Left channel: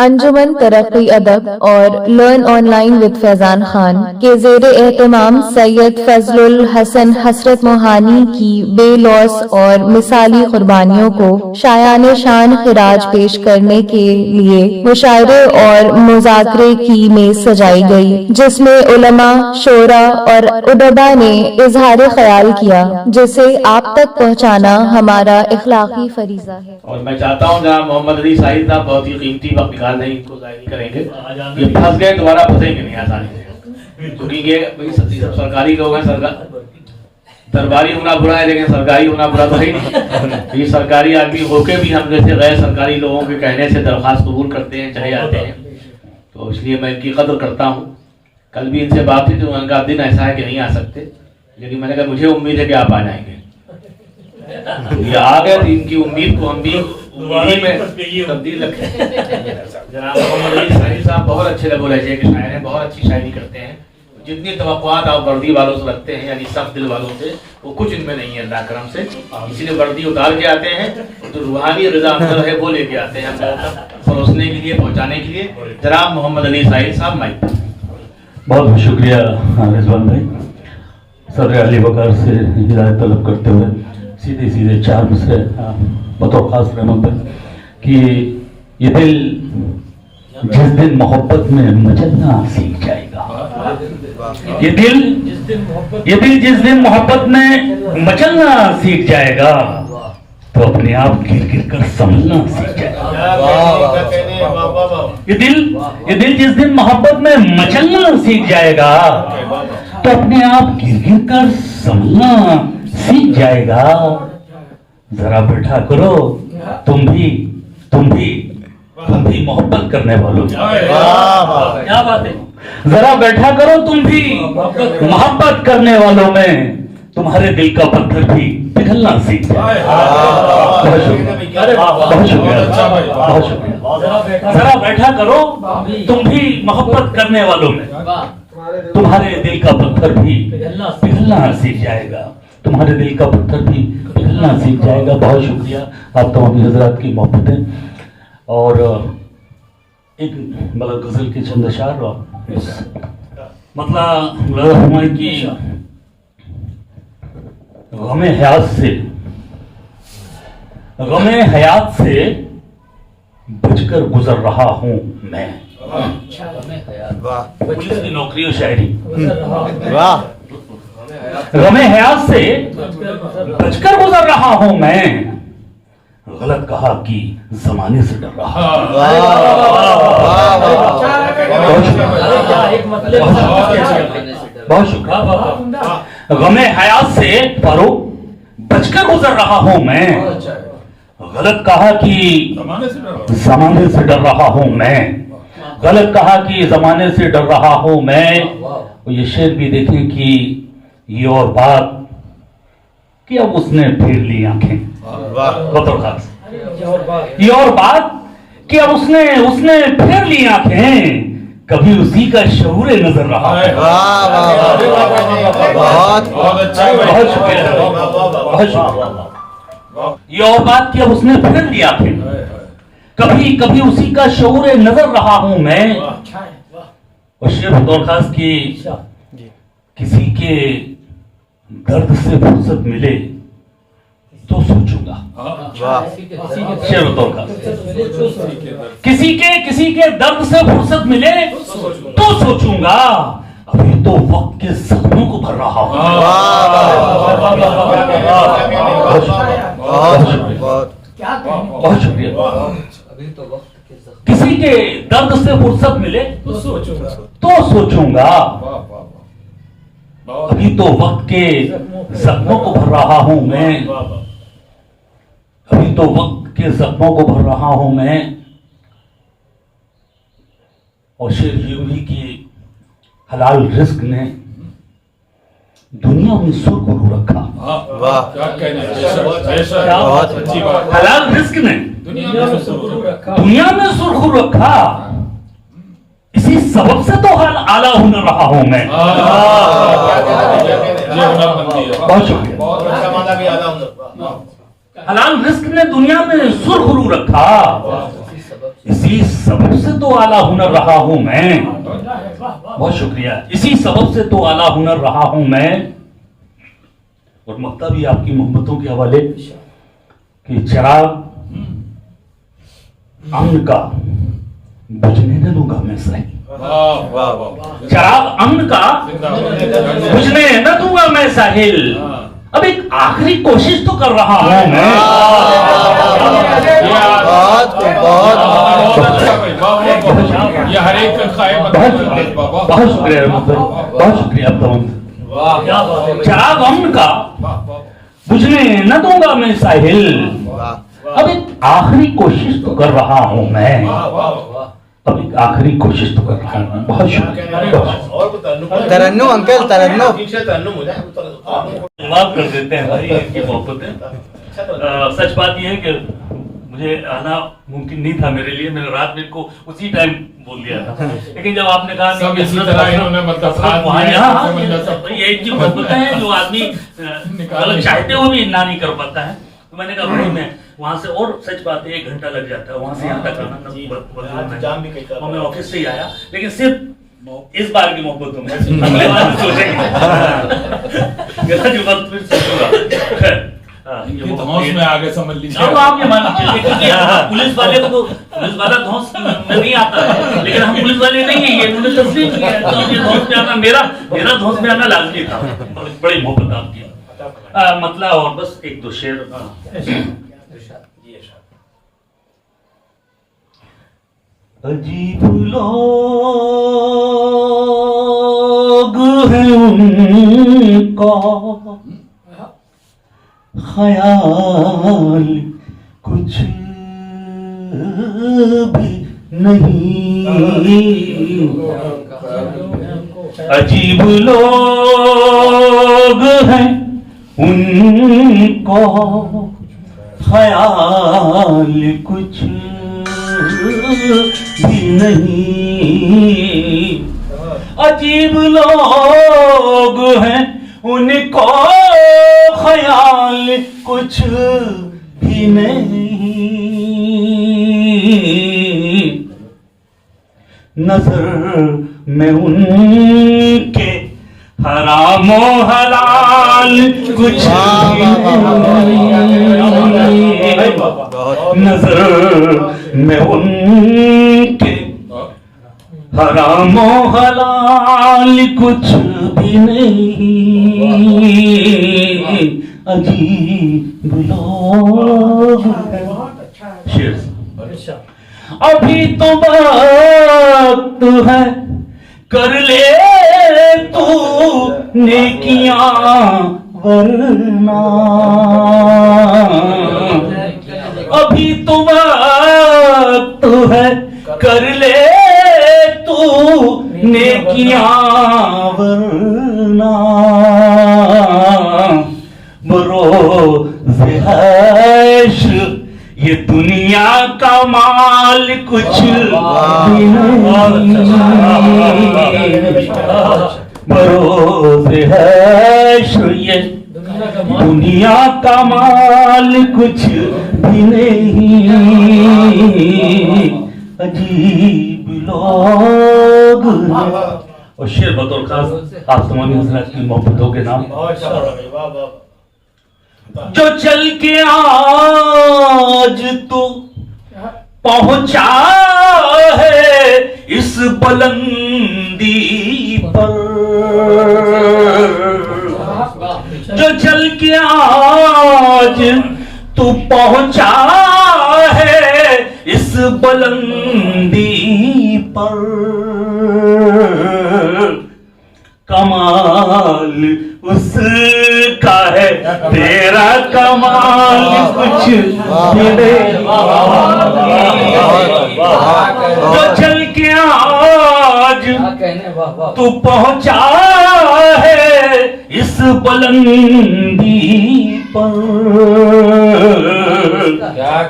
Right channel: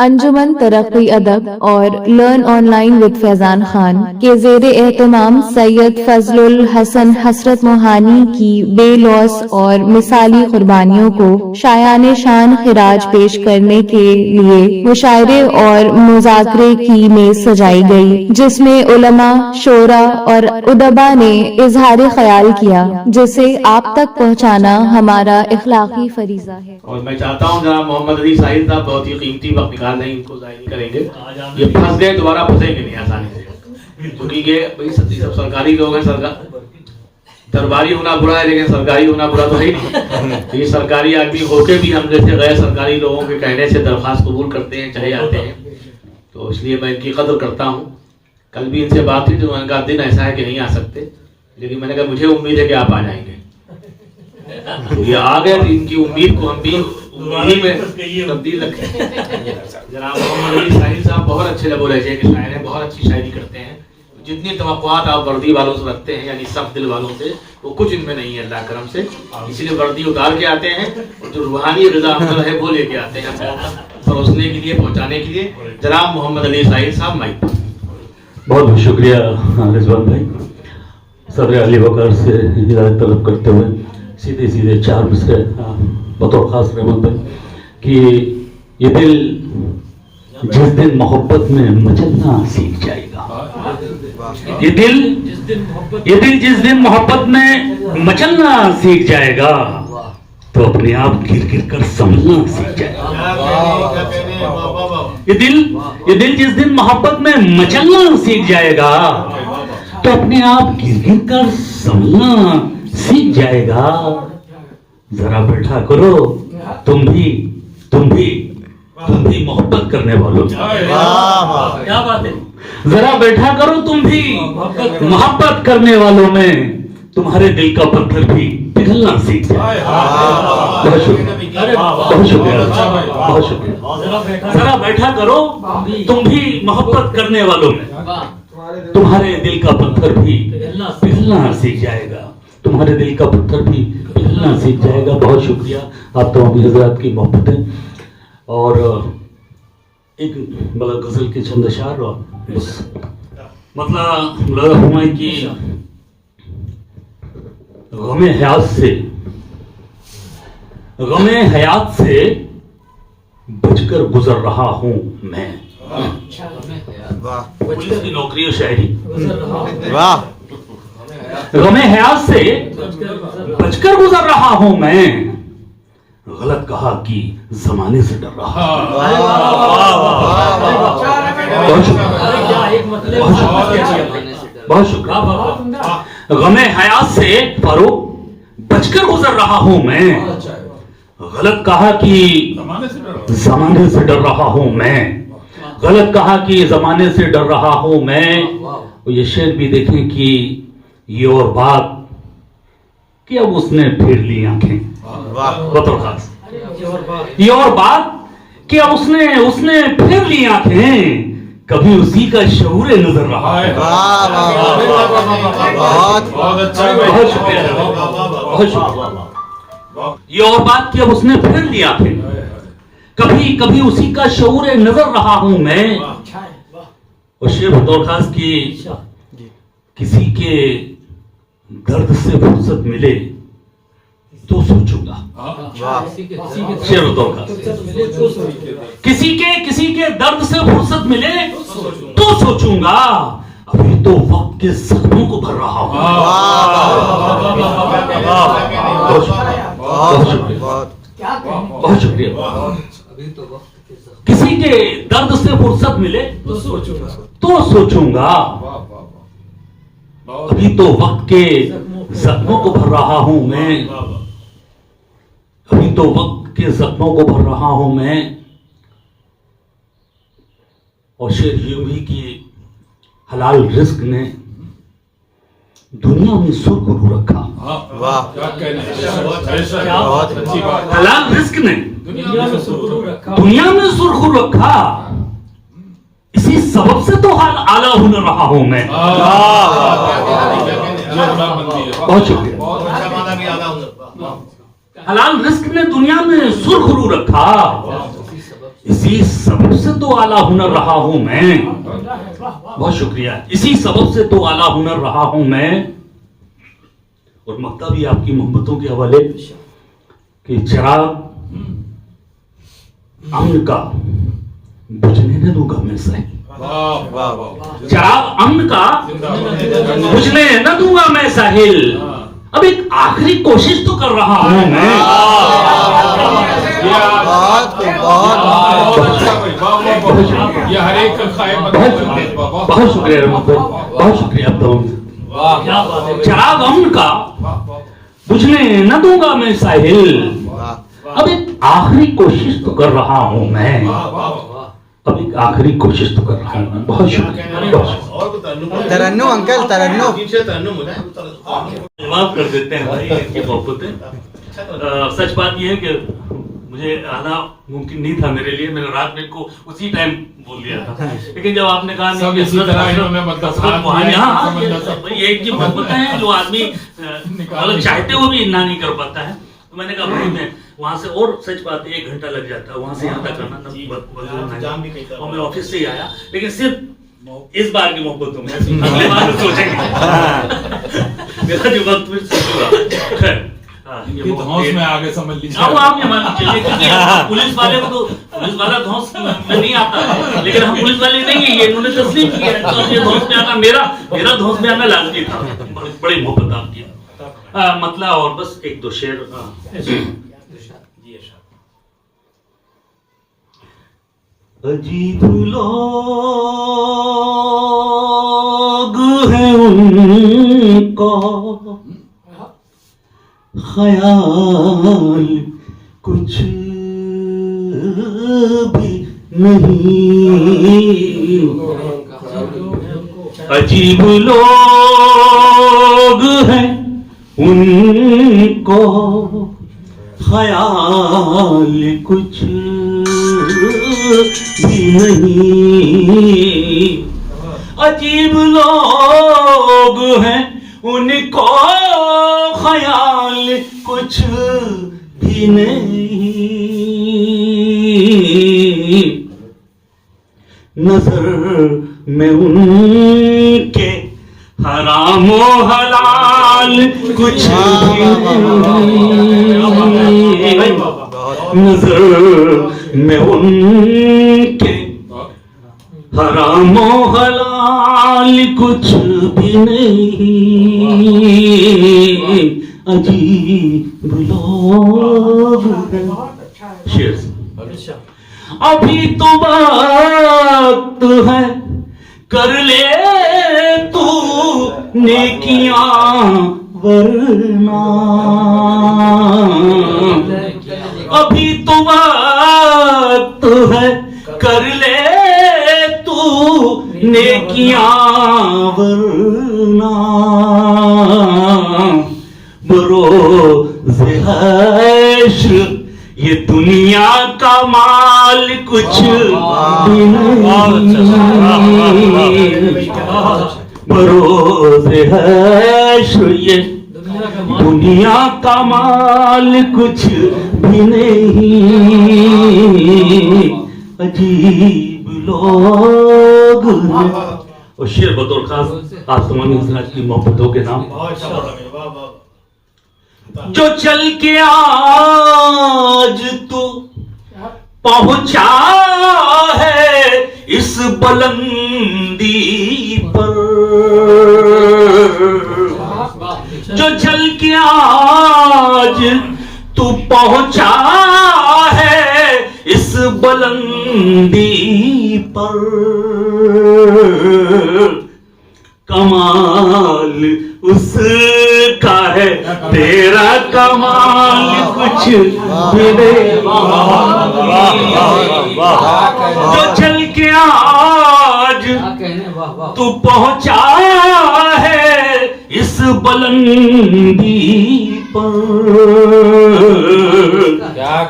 अंजुमन तरक्की अदब और learn online with Faizan Khan के ज़ेरे एहतमाम सैयद फजलुल हसन हसरत मोहानी की बेलौस और मिसाली कुर्बानियों को शायान शान खिराज पेश करने के लिए मुशायरे और मुज़ाकरे की मेज सजाई गई, जिसमें उलमा, शोरा और उदबा ने इजहार ख्याल किया, जिसे आप तक पहुँचाना हमारा इखलाकी फरीजा है। और मैं चाहता हूँ जहाँ मोहम्मद अली साहिब साहब बहुत ही कीमती वक्त निकाल रहे हैं, इनको जाहिर नहीं करेंगे। ये फंस गए, दोबारा फंसेंगे नहीं आसानी से, क्योंकि ये भाई सब सरकारी लोग हैं। सरकार दरबारी होना बुरा है, लेकिन सरकारी होना बुरा तो है नहीं। ये सरकारी आदमी होके भी हम जैसे गैर सरकारी लोगों के कहने से दरख्वास्त कबूल करते हैं, चले जाते हैं, तो इसलिए मैं इनकी कदर करता हूँ। कल भी इनसे बात हुई तो उनका दिन ऐसा है कि नहीं आ सकते, लेकिन मैंने कहा मुझे उम्मीद है कि आप आ जाएंगे। ये आ गए तो इनकी उम्मीद को हम भी उम्मीद में तब्दील रखें। जनाब मोहम्मद अली साहिब साहब बहुत अच्छे लबो लहजे के शायर हैं, बहुत अच्छी शायरी करते हैं। जितनी तवक्कुआत आप वर्दी वालों से रखते हैं, यानी सख्त दिल वालों से, वो कुछ इनमें नहीं है अल्लाह करम से। इसलिए वर्दी उतार के आते हैं, जो रूहानी रज़ा अमल है वो लेके आते हैं परोसने के लिए, पहुंचाने के लिए। जनाब मोहम्मद अली साहिब साहब माइक। बहुत बहुत शुक्रिया रिजवान भाई। सदर अली वकार से हिदायत तलब करते हुए सीधे सीधे चार मिसरे बतौर खास रहमत भाई कि ये दिल जिस दिन मोहब्बत में मचलना सीख जाएगा, ये दिल जिस दिन मोहब्बत में मचलना सीख जाएगा, तो अपने आप गिर गिर कर संभलना सीख जाएगा। ये दिल जिस दिन मोहब्बत में मचलना सीख जाएगा, तो अपने आप गिर गिर कर संभलना सीख जाएगा। जरा बैठा करो तुम भी मोहब्बत करने वालों, क्या बात है। जरा बैठा करो तुम भी मोहब्बत करने वालों में, तुम्हारे दिल का पत्थर भी पिघलना सीख जाए। बहुत शुक्रिया। जरा बैठा करो तुम भी मोहब्बत करने वालों में, तुम्हारे दिल का पत्थर भी पिघलना सीख जाएगा, तुम्हारे दिल का पत्थर भी पिघलना सीख जाएगा। बहुत शुक्रिया आप तमाम हज़रात की मोहब्बतें। और एक गजल के चंद अशार मतलब की गमे हयात से बचकर गुजर रहा हूं मैं। पुलिस की नौकरी और शायरी। गमे हयात से बचकर गुजर रहा हूं मैं, गलत कहा कि जमाने से डर रहा। बहुत शुक्रिया। गमे हयात से फारूक बचकर गुजर रहा हूं मैं, गलत कहा कि जमाने से डर रहा हूं मैं, गलत कहा कि जमाने से डर रहा हूं मैं। ये शेर भी देखें कि ये और बात कि अब उसने फेर ली आंखें। बतौर खास ये और बात कि अब उसने फेर ली आंखें, कभी उसी का शऊर नजर रहा। बहुत शुक्रिया। ये और बात कि अब उसने फेर ली आंखें, कभी कभी उसी का शऊर नजर रहा हूं मैं। और शेर बतौर खास की किसी के दर्द से फुर्सत मिले तो सोचूंगा। शेर बतौर खास किसी के दर्द से फुर्सत मिले तो सोचूंगा, अभी तो वक्त के जख्मों को भर रहा हूं। बहुत शुक्रिया। किसी के दर्द से फुर्सत मिले तो सोचूंगा, अभी तो वक्त के जख्मों को भर रहा हूं मैं, अभी तो वक्त के जख्मों को भर रहा हूं मैं। और शेर यूं ही कि हलाल रिस्क ने दुनिया में सुरखरू रखा। हलाल रिस्क ने दुनिया में सुरखरू रखा, इसी सबब से तो हाल आला हुनर रहा हूं मैं। बहुत शुक्रिया। हलाल रिस्क ने दुनिया में सुरखरू रखा, इसी सबब से तो आला हुनर रहा हूं मैं। बहुत शुक्रिया। इसी सबब से तो आला हुनर रहा हूं मैं। और मक्ता भी आपकी मोहब्बतों के हवाले कि चिराग अम्न का बुझने न दूंगा मैं सही। चिराग अम्न का बुझने न दूंगा मैं साहिल। अब एक आखिरी कोशिश तो कर रहा हूं मैं। बहुत शुक्रिया रहमत भाई, बहुत शुक्रिया आप तमाम। चिराग अम्न का बुझने न दूंगा मैं साहिल। अब एक आखिरी कोशिश तो कर रहा हूं मैं। अब एक आखिरी कोशिश तो कर रहा हूं। बहुत शुक्रिया। तरन्नुम अंकल, तरन्नुम जवाब कर देते हैं भाई इनकी मोहब्बतें। सच बात यह है कि मुझे आना मुमकिन नहीं था मेरे लिए। मैंने रात में इनको उसी टाइम बोल दिया था, लेकिन जब आपने कहा नहीं कि ये इनकी मोहब्बतें हैं जो आदमी मतलब चाहते हुए भी ना नहीं कर पाता है। तो मैंने कहा भाई मैं वहां से, और सच बात है 1 घंटा लग जाता है वहां से यहाँ तक आना, और मैं ऑफिस से ही आया। लेकिन सिर्फ इस बार की मोहब्बतों में अगले बार सोचेंगे मेरा जो वक्त फिर सोचूंगा। ये धौंस में आगे समझ लीजिए। अब आप ये मान लीजिए क्योंकि पुलिस वाले को तो पुलिस वाला धौंस में नहीं आता है, लेकिन हम पुलिस वाले नहीं है, ये उन्होंने तस्लीम किया है। तो ये धौंस में आना मेरा धौंस में आना लाजमी था। बड़ी मोहब्बत आपकी मतलब। और बस 1-2 शेर। अजीब लोग हैं उनका ख्याल कुछ भी नहीं। अजीब लोग हैं उनको ख्याल कुछ भी नहीं। अजीब लोग हैं उनको ख्याल कुछ भी नहीं। नजर में उनके हराम और हलाल कुछ भी नहीं। नजर में उनके हराम और हलाल कुछ भी नहीं। अजीब लोग हैं। शेर अभी तो वक्त है कर ले तू नेकियां वरना। अभी तो वक्त है कर ले तू नेकियां वरना। बरोज़ हश्र ये दुनिया का माल कुछ भी नहीं। बरोज़ हश्र ये दुनिया का माल कुछ भी नहीं। अजीब लोग। और शेर बतौर खास आप तमाम हज़रात की मोहब्बतों के नाम। जो चल के आज तू पहुंचा है इस बुलंदी पर। जो चल के आज तू पहुंचा है इस बुलंदी पर। कमाल उसका है तेरा कमाल कुछ भी नहीं। जो चल के आज तू पहुंचा है इस बुलंदी पर।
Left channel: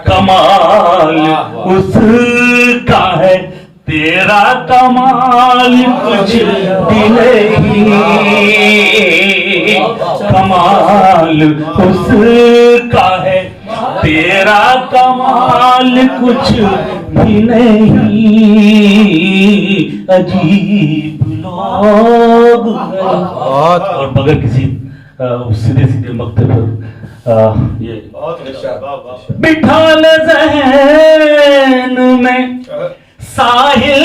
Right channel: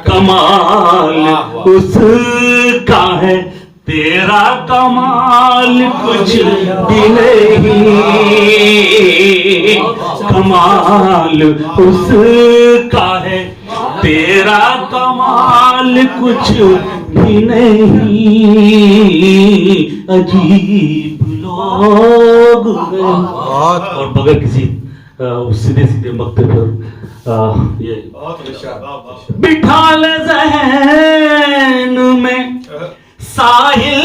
कमाल उसका है तेरा कमाल कुछ भी नहीं। कमाल उसका है तेरा कमाल कुछ भी नहीं, अजीब लोग हैं। बहुत और बगैर किसी सीधे सीधे मक्ते पर ये बिठा ले ज़हन में साहिल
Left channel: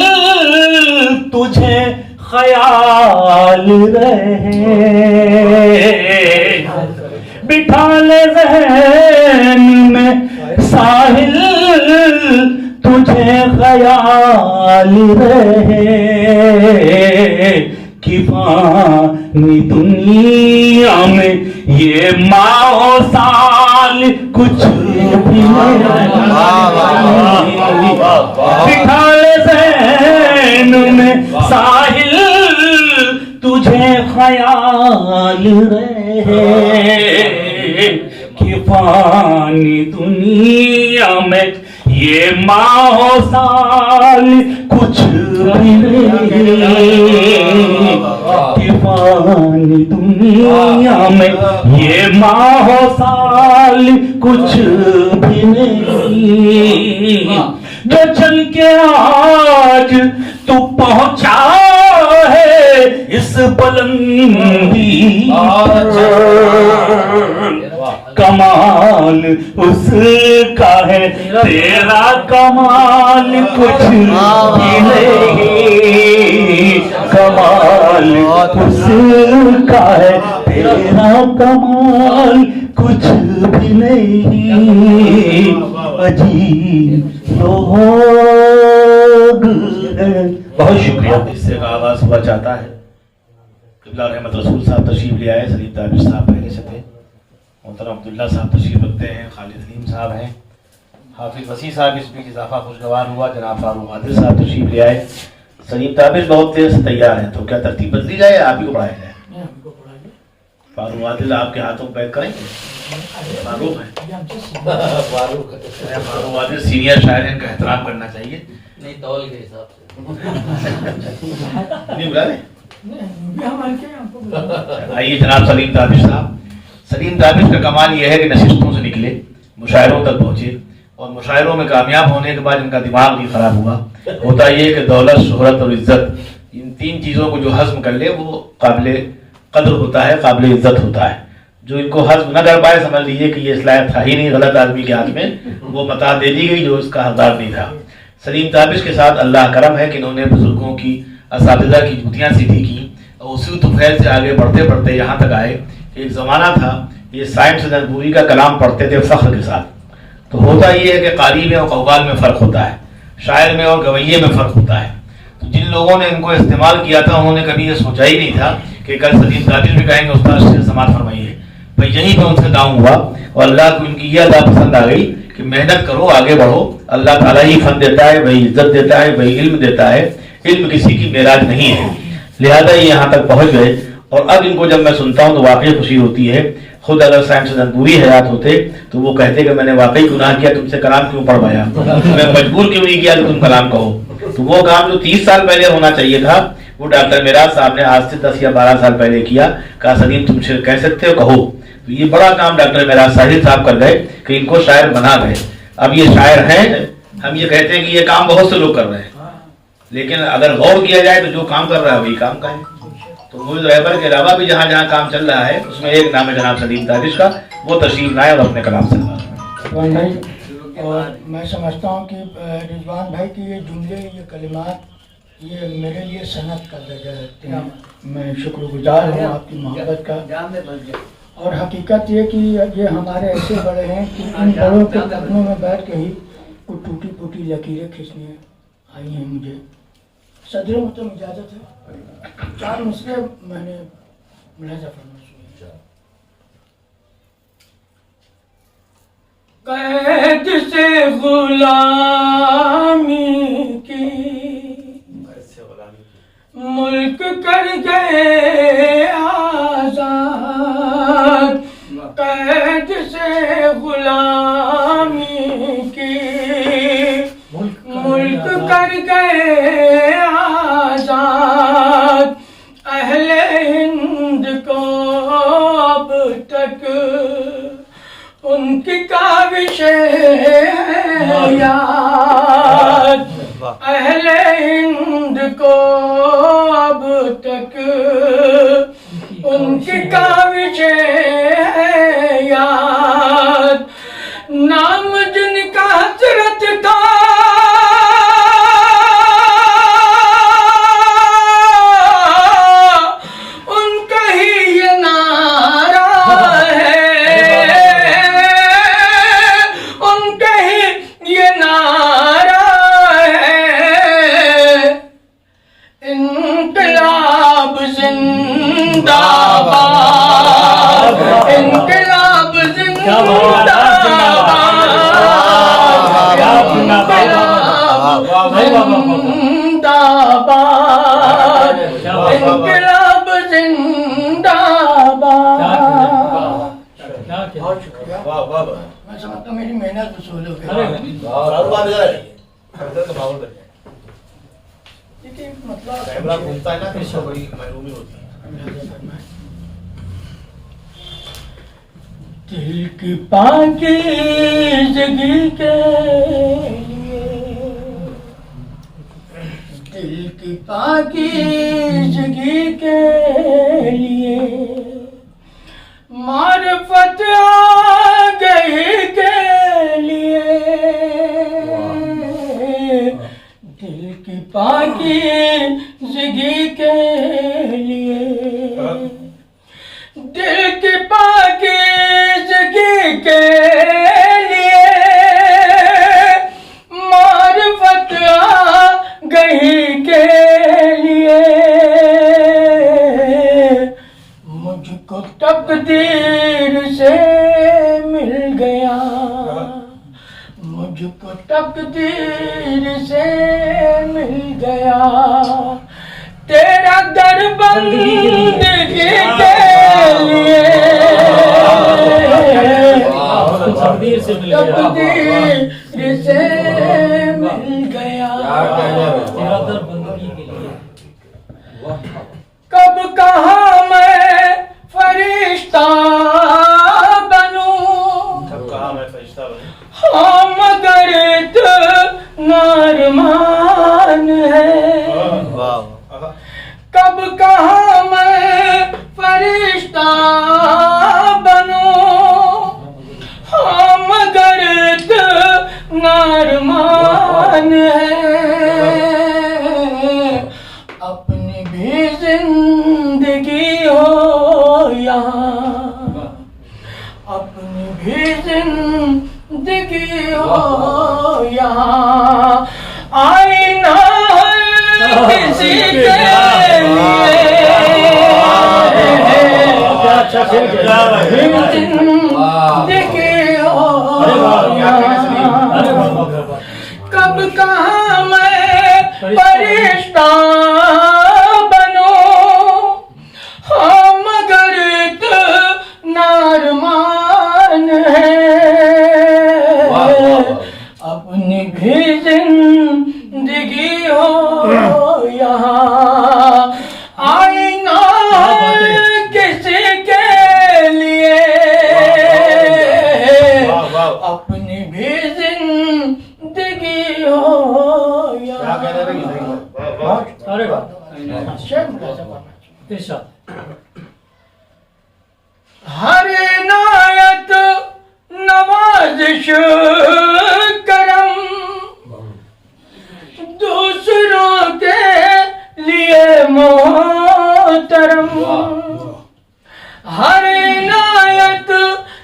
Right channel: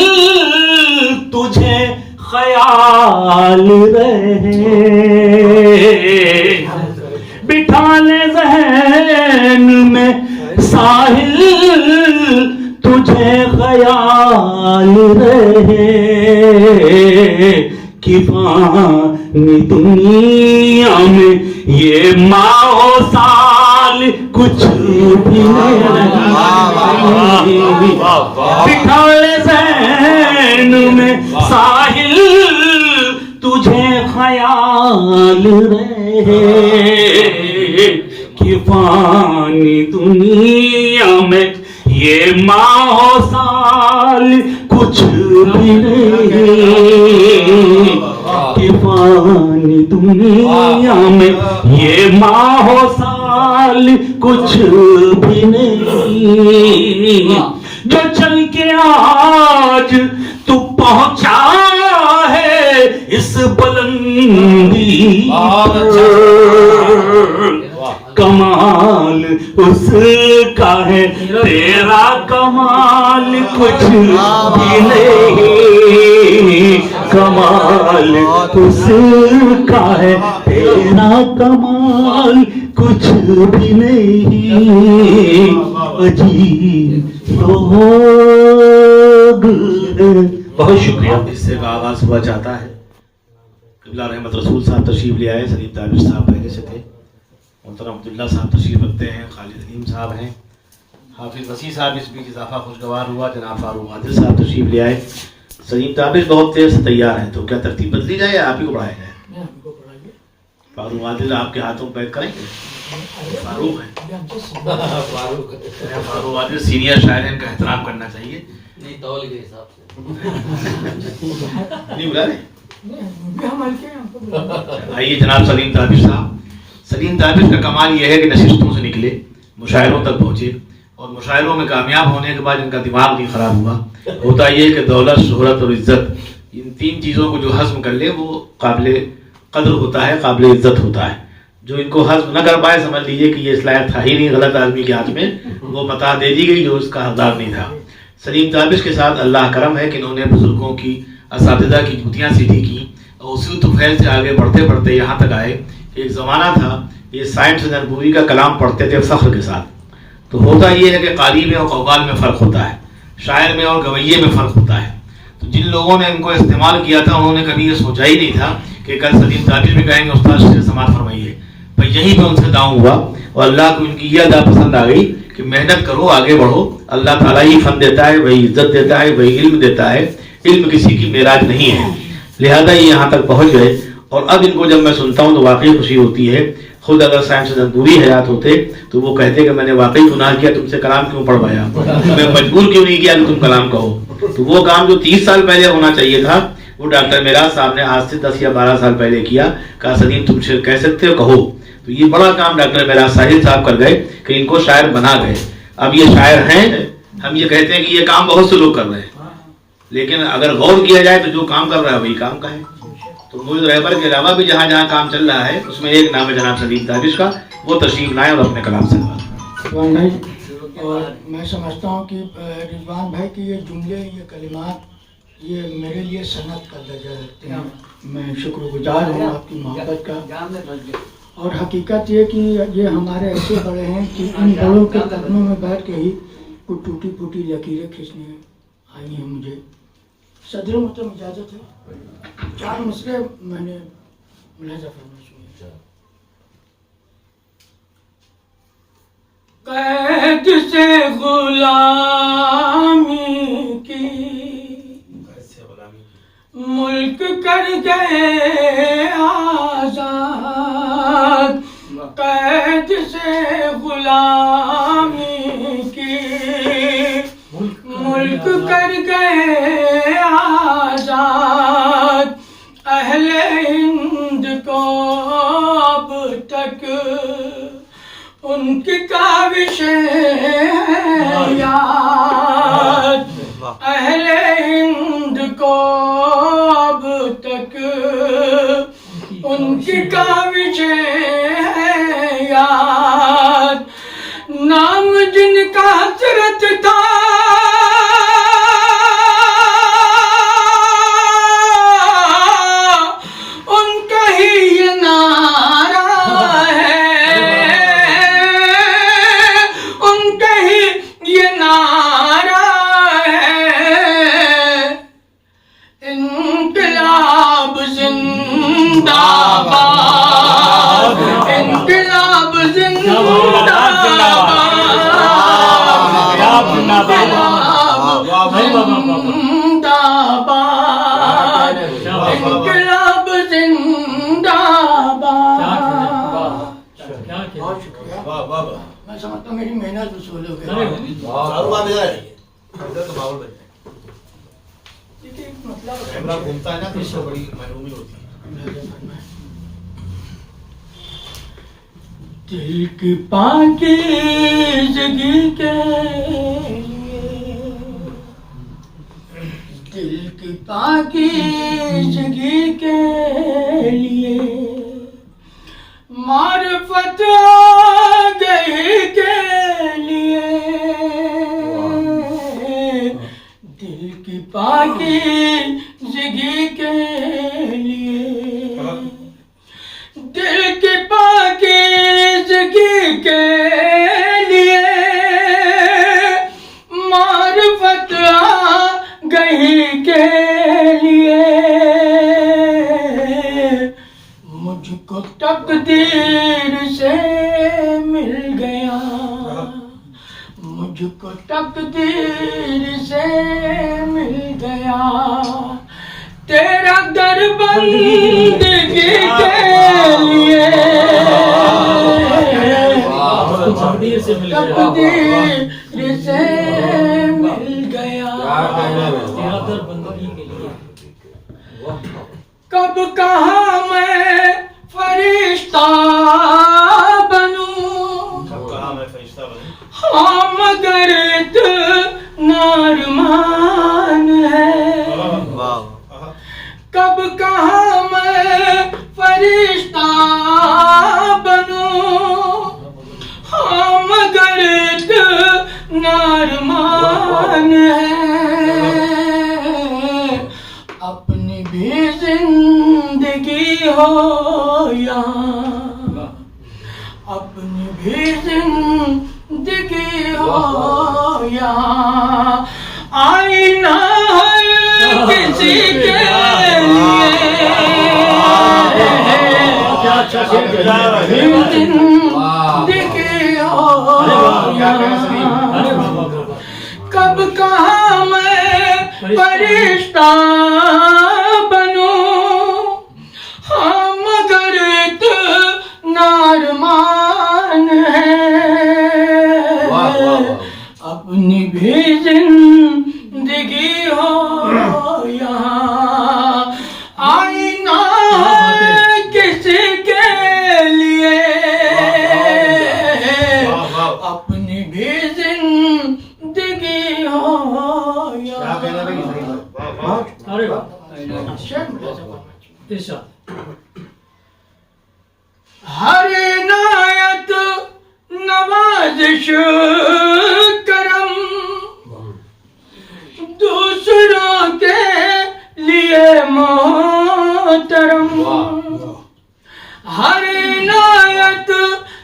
तुझे ख्याल रहे, बिठा ले ज़हन में साहिल तुझे ख्याल रहे, कि फानी दुनिया में ये माओ साल कुछ भी नहीं। बिठा ले ज़हन में साहिल तुझे ख्याल रहे, कि फानी दुनिया में ये माओ साल कुछ भी नहीं, कि फानी दुनिया में ये माओ साल कुछ भी नहीं। जो चल के आज तू पहुंचा है इस बुलंदी पर, कमाल उसका है, तेरा कमाल कुछ भी नहीं। कमाल उसका है, तेरा कमाल कुछ भी नहीं। अजीब लोग। बहुत शुक्रिया। इससे का आगाज हुआ चाहता है। किबला रहमत रसूल साहब तशरीफ ले आए, सलीम ताबिश साहब पहले से थे, मोहतरम अब्दुल्ला साहब तशरीफ रखते हैं, खालिद हलीम साहब हैं, हाफिज वसी साहब इसमें इजाफा खुशगवार हुआ, जनाब फारूक आदिल साहब तशरीफ ले आए। सलीम ताबिश बहुत देर से तैयार हैं, तो क्या तरतीब बदली जाए या आप ही को पढ़ाया जाए? फारूक आदिल आपके हाथों पैक करेंगे? फारूक है, फारूक आदिल सीनियर शायर हैं, इनका एहतराम करना चाहिए। नहीं तौल के हिसाब से नहीं बुला रहे? आइए जनाब सलीम ताबिश साहब। सलीम ताबिश का कमाल यह है कि नशिस्तों से निकले, मुशायरों तक पहुंचे, और मुशायरों में कामयाब होने के बाद इनका दिमाग नहीं खराब हुआ। होता यह कि दौलत, शोहरत और इज्जत, इन तीन चीज़ों को जो हज़म कर ले वो काबिल कदर होता है, काबिल इज्जत होता है। जो इनको हज़म न कर पाए, समझ लीजिए कि ये इस लायक था ही नहीं, गलत आदमी के हाथ में वो मता दे दी गई जो उसका हकदार नहीं था। सलीम ताबिश के साथ अल्लाह करम है कि इन्होंने बुजुर्गों की, असातिज़ा की जुतियाँ सीधी की, और उसी तुफैल से आगे बढ़ते बढ़ते यहाँ तक आए। एक ज़माना था ये साइंस जनबूरी का कलाम पढ़ते थे फ़ख्र के साथ। तो होता ये है कि क़ारी में और कव्वाल में फ़र्क होता है, शायर में और गवैये में फ़र्क होता है। तो जिन लोगों ने इनको इस्तेमाल किया था उन्होंने कभी ये सोचा ही नहीं था कि कल सलीम ताबिश भी कहेंगे उस्ताद शेर समात फरमाइए। भाई यहीं पे उनसे दांव हुआ, और अल्लाह को इनकी यह अदा पसंद आ गई कि मेहनत करो, आगे बढ़ो, अल्लाह ताला ही फन देता है, वही इज्जत देता है, वही इल्म देता है, इल्म किसी की मेराज नहीं है। लिहाजा ये यहाँ तक पहुँच गए, और अब इनको जब मैं सुनता हूँ तो वाकई खुशी होती है। खुद अगर साइंस जनबूरी हयात होते तो वो कहते कि मैंने वाकई गुनाह किया, तुमसे कलाम क्यों पढ़वाया, तुम्हें मजबूर क्यों नहीं किया कि तुम कलाम कहो। तो वो काम जो 30 साल पहले होना चाहिए था वो डॉक्टर मिराज साहब ने आज से 10 या 12 साल पहले किया। कहा सलीम तुम कह सकते हो, कहो। तो ये बड़ा काम डॉक्टर मिराज साहिब साहब कर गए कि इनको शायर बना गए। अब ये शायर हैं, हम ये कहते हैं कि ये काम बहुत से लोग कर रहे हैं, लेकिन अगर गौर किया जाए तो जो काम कर रहा है वही काम का है। तो मुझे रहबर के अलावा भी जहाँ जहाँ काम चल रहा है उसमें एक नाम है जनाब सलीम ताबिश का, वो तशरीफ लाए और अपने कलाम से भाई। और मैं समझता हूँ कि रिजवान भाई के ये जुमले, ये कलिमात, ये मेरे लिए सनत का दर्जा रखते हैं। मैं शुक्रगुजार हूँ आपकी मोहब्बत का। और हकीकत ये कि ये हमारे ऐसे बड़े हैं कि इन बड़ों के कदमों में बैठ के ही कुछ टूटी फूटी लकीरें खींचने आई हैं मुझे। सदर मतलब इजाज़त है, 4 मसले मैंने मुलाजा फरमा सुने। कैद से गुलामी की मुल्क कर गए आजाद, कैद से गुलामी की मुल्क कर गए आजाद। अहले हिंद को अब तक उनकी काविश याद, अहले हिंद को अब तक उनकी काविश है याद, नाम जिनका हसरत था उनका ही ये नारा है, उनका ही ये नारा है, इनकलाब जिंदाबाद, इनकलाब जिंदाबाद, जिंदाबाद, इनकलाब जिंदाबाद। बहुत शुक्रिया, मैं समझता हूँ मेरी मेहनत वसूल हो गई। कैमरा घूमता है ना तो बड़ी महरूमी होती है। दिल की पाकीज़गी के लिए, दिल की पाकीज़गी के लिए मारिफत आ गई के लिए, दिल की पाकीज़गी के लिए, दिल की पाकीज़गी के लिए मारिफत आ गई के लिए, मुझको तकदीर से मिल गया, मुझको तकदीर से मिल गया तेरा दर बंदगी के लिए, तकदीर से मिल गया तेरा दर बंदगी के लिए। कब कहा मैं फरिश्ता बनूं, हाँ मगर इतना अरमान है, कब कहा मैं फरिश्ता बनूं, हाँ मगर इतना अरमान है, अपनी भी जिंदगी हो यहाँ, अपनी भी जिंदगी हो यहाँ, आईना किसी के जिंदगी हो कब कहा मैं फरिश्ता बनूं, हाँ मगर इतना अरमान है, अपनी भी जिंदगी हो यहाँ, आईना किसी के लिए, अपनी भी जिंदगी हो यहाँ। अरे हर नायत नवाजिश करम दूसरों के लिए मोहतरम, हर नायत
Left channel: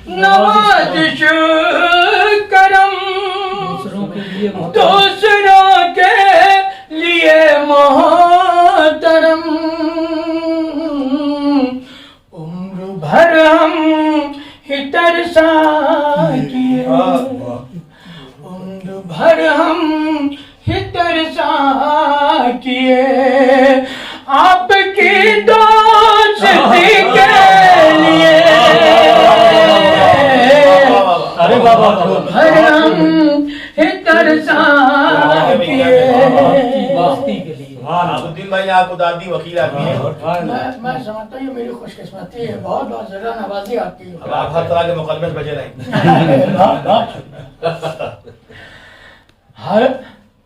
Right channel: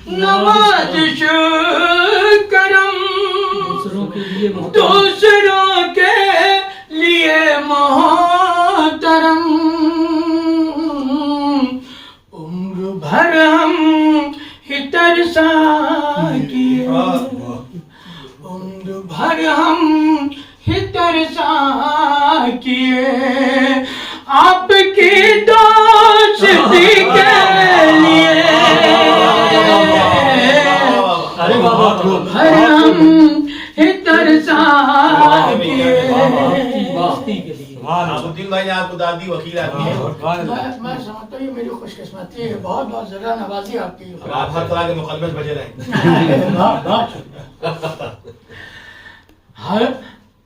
नवाजिश करम दूसरों के लिए मोहतरम, उम्र भर हम ही तरसा किए, उम्र भर हम ही तरसा किए, आपकी दोस्ती के लिए, अरे बाबा भर हम ही तरसा किए दोस्ती के लिए। अब्दुल भाई ने आपको दादी वकील आती है, मैं समझता हूँ ये मेरी खुशकिस्मती है, बहुत बहुत ज्यादा नवाजी आती है, आप हर तरह के मुकदमे से बचे रहेंगे।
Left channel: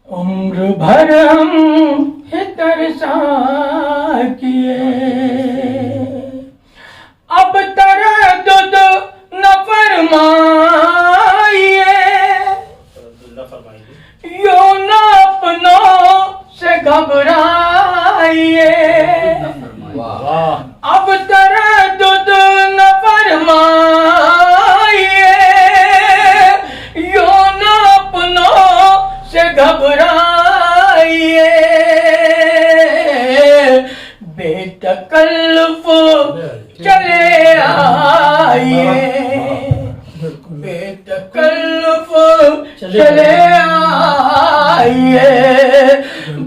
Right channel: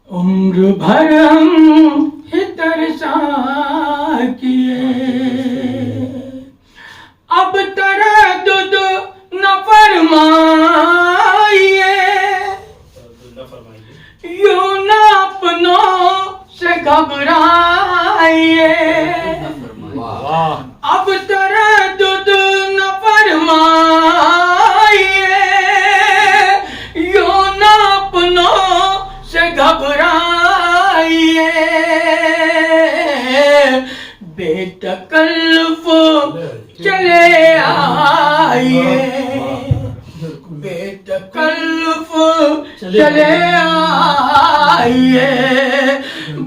उम्र भर हम तरसा किए, अब तरद्दुद न फरमाइए, यूं न अपनों से घबराइए, अब तरद्दुद न फरमाइए, यूं न अपनों से घबराइए, बेतकल्लुफ चले आइए, बेतकल्लुफ चले आइए,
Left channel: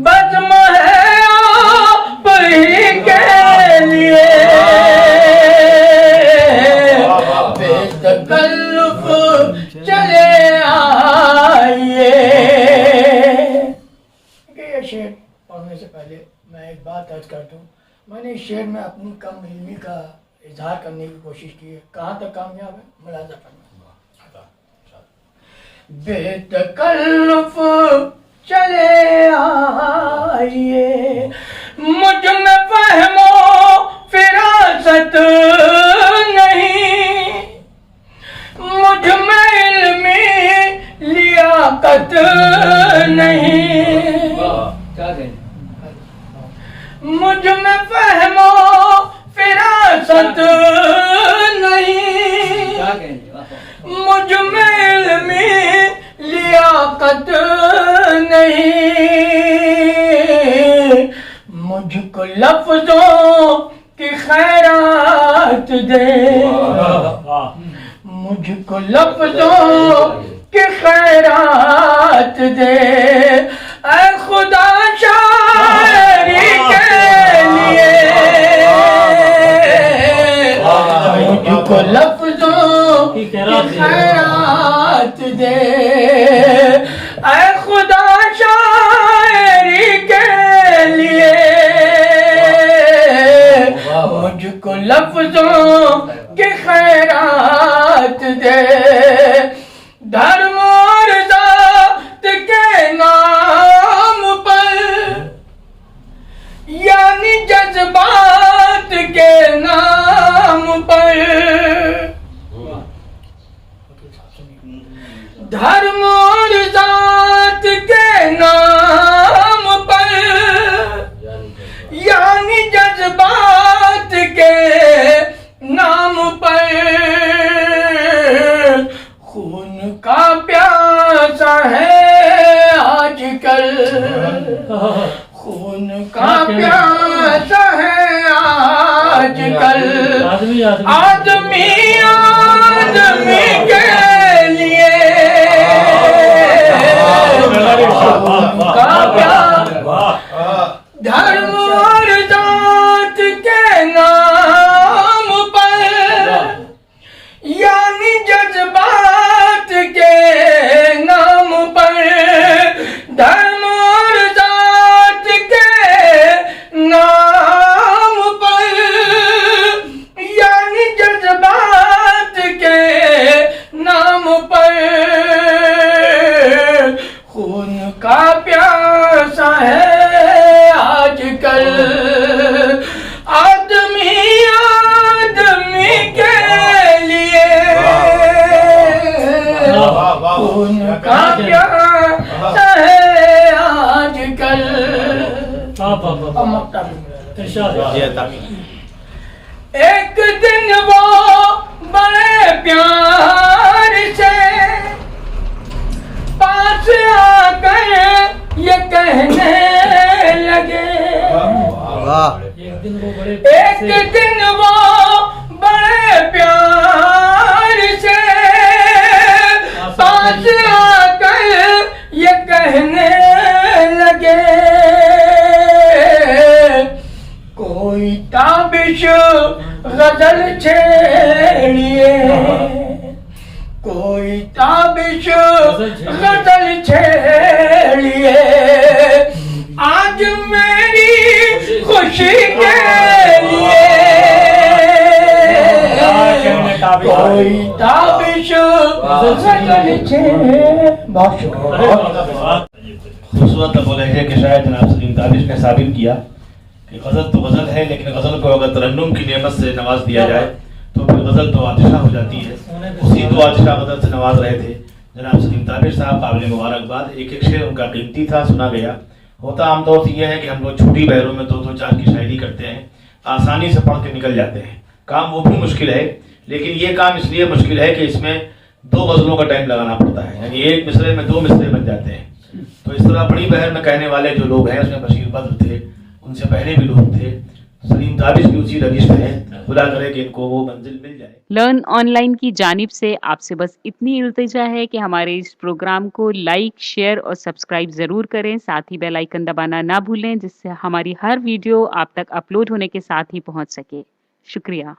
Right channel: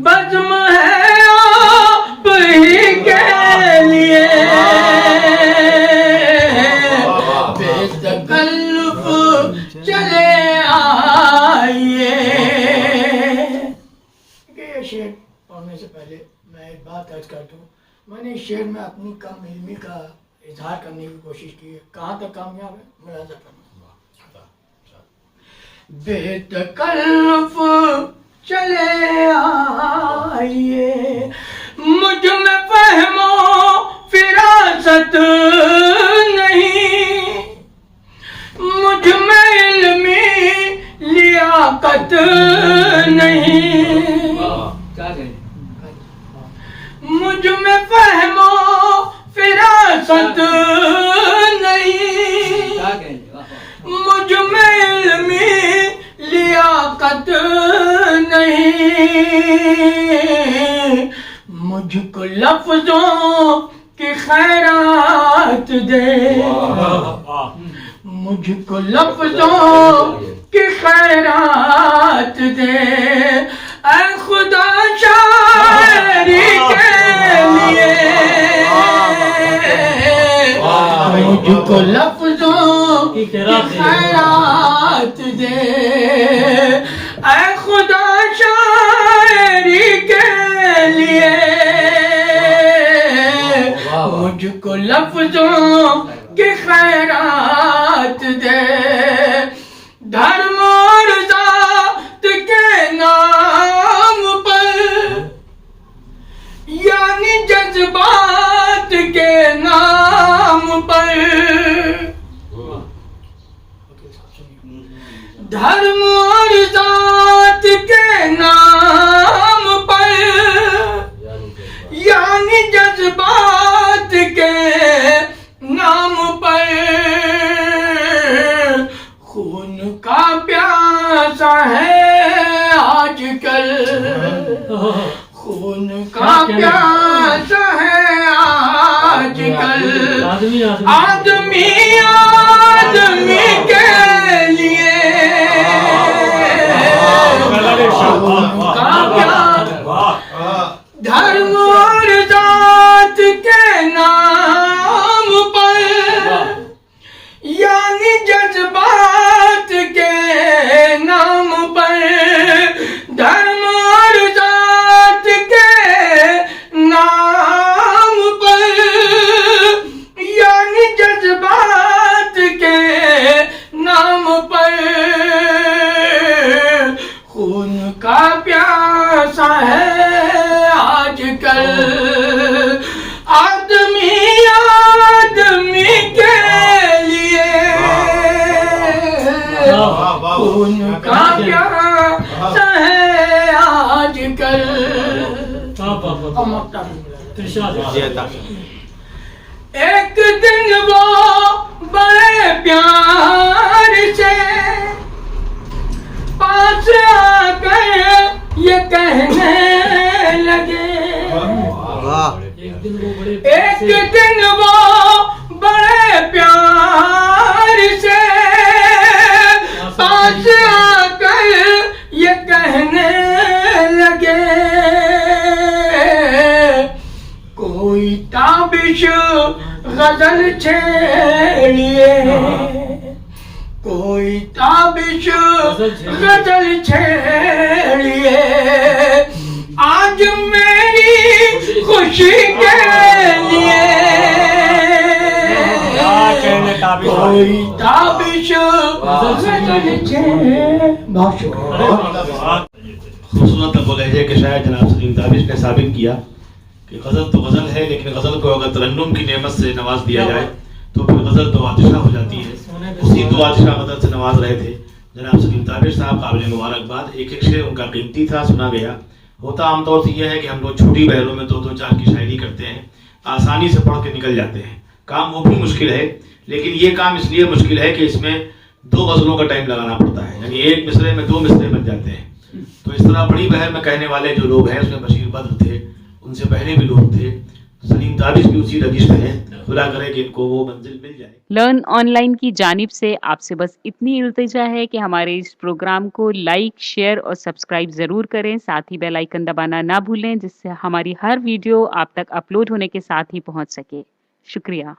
बज़्म है आप ही के लिए, बेतकल्लुफ चले आइए। ये शेर पढ़ने से पहले मैं एक बात अर्ज कर दूं, मैंने इस शेर में अपनी कम इल्मी का इजहार करने की कोशिश की है। कहाँ तक कामयाब है, मुलाजा करना। बेतकल्लुफ चले आइए, मुझ में फहमो फिरासत नहीं, मुझ में इल्मी लियाकत नहीं, मुझ में फहमो फिरासत नहीं, मुझ में इल्मी लियाकत नहीं, मुझको लफ्जों की खैरात दे, मुझको लफ्जों की खैरात दे, ऐ खुदा शायरी के लिए, मुझको लफ्जों की खैरात दे, ऐ खुदा शायरी के लिए, मुझको लफ्जों की खैरात दे, धर्म और ज़ात के नाम पर, यानी जज्बात के नाम पर, धर्म और ज़ात के नाम पर, यानी जज्बात के नाम पर, खून का प्यासा है आजकल, खून का प्यासा है आजकल, आदमी आदमी के लिए, खून का प्यासा, धर्म और जात के नाम पर, यानी जज्बात के नाम पर, धर्म और जात के नाम पर, यानी जज्बात के नाम पर, खून का प्यासा है आजकल, आदमी आदमी के लिए, खून का प्यासा है आजकल। एक दिन वो बड़े प्यार से पास आकर ये कहने लगे, एक दिन वो बड़े प्यार से पास आकर ये कहने लगे, कोई ताबिश गजल छेड़िए, कोई ताबिश गजल छेड़िए, आज मेरी खुशी के लिए, कोई ताबिश गजल छेड़िए। बहुत शुक्रिया। खूबसूरत लफ्ज़ है कि शायद जनाब सलीम ताबिश ने साबित किया कि गज़ल तो गज़ल है, लेकिन गज़ल को अगर तरन्नुम की नेमत से नवाज दिया जाए तो फिर गज़ल तो आतिशा हो जाती है। उसी तो आतिशा गज़ल से नवाज रहे थे जनाब सलीम ताबिश साहब, काबिल मुबारकबाद। एक एक शेर उनका कीमती था, सुना गया। होता आमतौर से यह है कि हम लोग छोटी बहरों में दो चार की शायरी करते हैं, आसानी से पढ़ के निकल जाते हैं। काम वो भी मुश्किल है, लेकिन ये काम इसलिए मुश्किल है कि इसमें 2 गज़लों का टाइम लगाना पड़ता है, यानी एक मिसरे में 2 मिसरे बन जाते हैं। तो इस तरह बड़ी बहर में कहने वाले जो लोग हैं, उसमें बशीर बद्र थे, उनसे पहले भी लोग थे, सलीम ताबिश भी उसी रजिश में हैं। खुदा करे कि इनको वो मंजिल मिल जाए। लर्न ऑनलाइन की जानिब से आपसे बस इतनी इल्तिजा है कि हमारे इस प्रोग्राम को लाइक, शेयर और सब्सक्राइब ज़रूर करें। साथ ही बेल आइकन दबाना ना भूलें, जिससे हमारी हर वीडियो आप तक अपलोड होने के साथ ही पहुंच सके। शुक्रिया।